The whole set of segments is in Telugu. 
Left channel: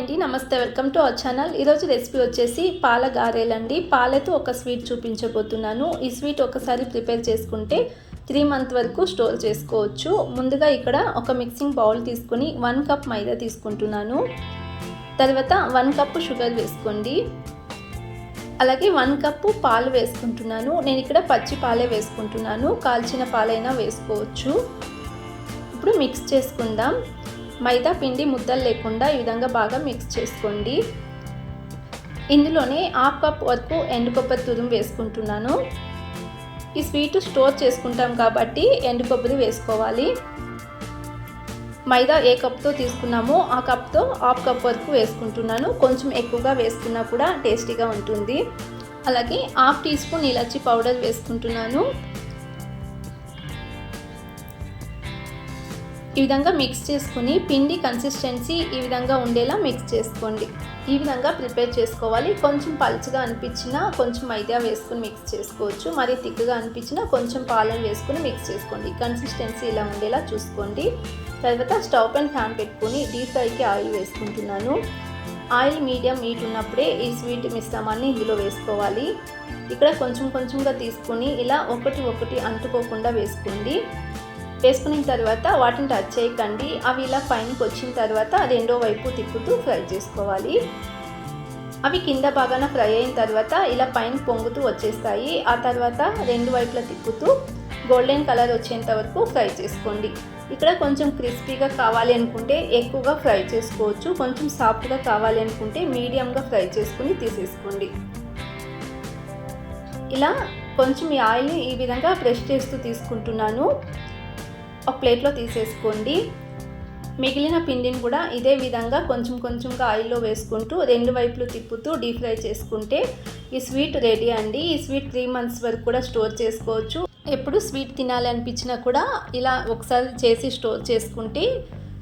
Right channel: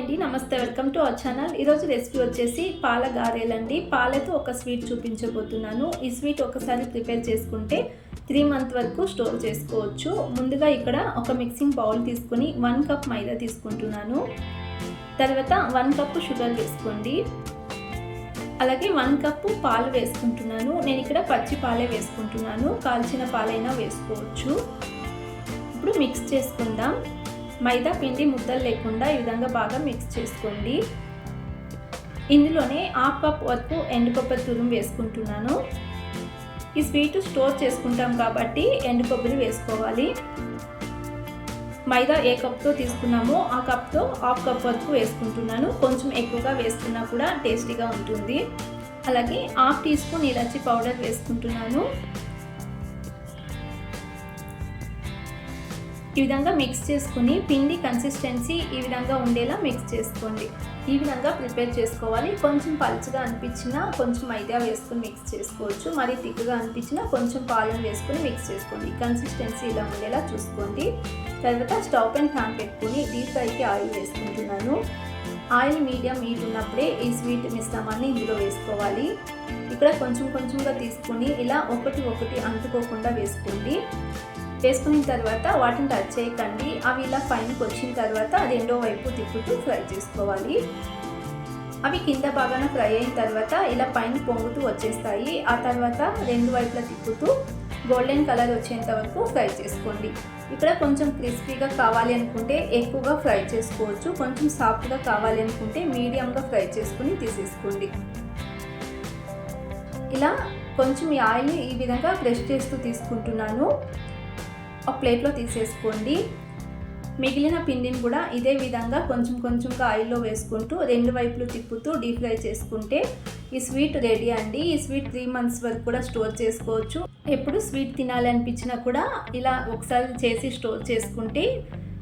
అండి. నమస్తే వెల్కమ్ టు అవర్ ఛానల్. ఈరోజు రెసిపీ వచ్చేసి పాల గారెలండి. పాలతో ఒక స్వీట్ చూపించబోతున్నాను. ఈ స్వీట్ ఒకసారి ప్రిపేర్ చేసుకుంటే త్రీ మంత్ వరకు స్టోర్ చేసుకోవచ్చు. ముందుగా ఇక్కడ ఒక మిక్సింగ్ బౌల్ తీసుకుని వన్ కప్ మైదా తీసుకుంటున్నాను. తర్వాత వన్ కప్ షుగర్ వేసుకోండి. అలాగే వన్ కప్పు పాలు వేసుకుంటున్నాను. నేను ఇక్కడ పచ్చి పాలే వేసుకుంటున్నాను. కాల్చిన పాలైనా వేసుకోవచ్చు. ఇప్పుడు మిక్స్ చేసుకుందాం. మైదా పిండి ముద్దలు లేకుండా ఈ విధంగా బాగా మిక్స్ చేసుకోండి. ఇందులోనే హాఫ్ కప్ వరకు ఎండు కొబ్బరి తురుము వేసుకుంటున్నాను. ఈ స్వీట్ స్టోర్ చేసుకుంటాం కాబట్టి ఎండుపప్పుని వేసుకోవాలి. మైదా ఏ కప్తో తీసుకున్నామో ఆ కప్తో హాఫ్ కప్ వరకు వేసుకుంటున్నాను. కొంచెం ఎక్కువగా వేసుకున్నా కూడా టేస్టీగా ఉంటుంది. అలాగే హాఫ్ టీ స్పూన్ ఇలాచి పౌడర్ వేసుకుంటున్నాను. ఈ విధంగా మిక్స్ చేసుకుని పిండి కన్సిస్టెన్సీ ఈ విధంగా ఉండేలా మిక్స్ చేసుకోండి. ఈ విధంగా ప్రిపేర్ చేసుకోవాలి. కొంచెం పలుచగా అనిపించినా కొంచెం మైదా వేసుకుని మిక్స్ చేసుకోవచ్చు. మరి తిక్కుగా అనిపించినా కొంచెం పాలను వేసుకుని మిక్స్ చేసుకోండి. కన్సిస్టెన్సీ ఇలా ఉండేలా చూసుకోండి. తర్వాత స్టవ్ అండ్ ఫ్యాన్ పెట్టుకుని డీప్ ఫ్రైకి ఆయిల్ వేసుకుంటున్నాను. ఆయిల్ మీడియం హీట్ ఉన్నప్పుడే ఈ స్వీట్ మిశ్రమాన్ని ఇందులో వేసుకోవాలి. ఇక్కడ కొంచెం కొంచెంగా తీసుకుని ఇలా ఒకటి ఒకటి అంటుకోకుండా వేసుకోండి. వేసుకున్న తర్వాత వాటిని టచ్ చేయకండి. అవి ఇలా పైనకి వచ్చిన తర్వాత అది వైపు తిప్పుతూ ఫ్రై చేసుకోవాలి. అవి కింద బాగానే ఫ్రై అయిన తర్వాత ఇలా పైన పొంగుతూ వచ్చేస్తాయి. ఆ తర్వాత రెండు వైపులా తిప్పుతూ గోల్డెన్ కలర్ వచ్చేంత వరకు ఫ్రై చేసుకోండి. ఇక్కడ కొంచెం క్రిస్పీగా కావాలి అనుకుంటే ఎక్కువగా ఫ్రై చేసుకోవచ్చు. కొంచెం సాఫ్ట్గా కావాలి అనుకుంటే మీడియంగా ఫ్రై చేసుకుని తీసేసుకోండి. ఇలా కొంచెం ఈ ఆయిల్ ఈ విధంగా బ్రష్ చేస్తూ తీసుకుంటున్నాను. ఒక ప్లేట్లో తీసేసుకోండి. మిగిలిన పిండిని కూడా ఇదే విధంగా కొంచెం కొంచెంగా ఆయిల్లో వేసుకుంటూ రెండు వైపులు తిప్పుతూ డీప్ ఫ్రై చేసుకుంటే ఈ స్వీట్ రెడీ అండి. ఈ స్వీట్ త్రీ మంత్స్ వరకు కూడా స్టోర్ చేసుకోవచ్చు. ఎప్పుడు స్వీట్ తినాలనిపించినా కూడా ఇలా ఒకసారి చేసి స్టోర్ చేసుకుంటే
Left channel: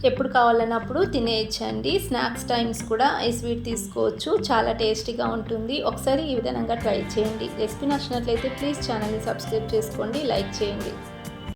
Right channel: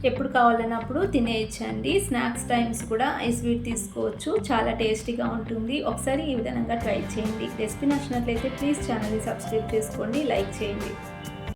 ఎప్పుడు కావాలన్నప్పుడు తినేయచ్చండి. స్నాక్స్ టైమ్స్ కూడా ఈ స్వీట్ తీసుకోవచ్చు. చాలా టేస్టీగా ఉంటుంది. ఒకసారి ఈ విధంగా ట్రై చేయండి. రెసిపీ నచ్చినట్లయితే ప్లీజ్ ఛానల్ని సబ్స్క్రైబ్ చేసుకోండి. లైక్ చేయండి.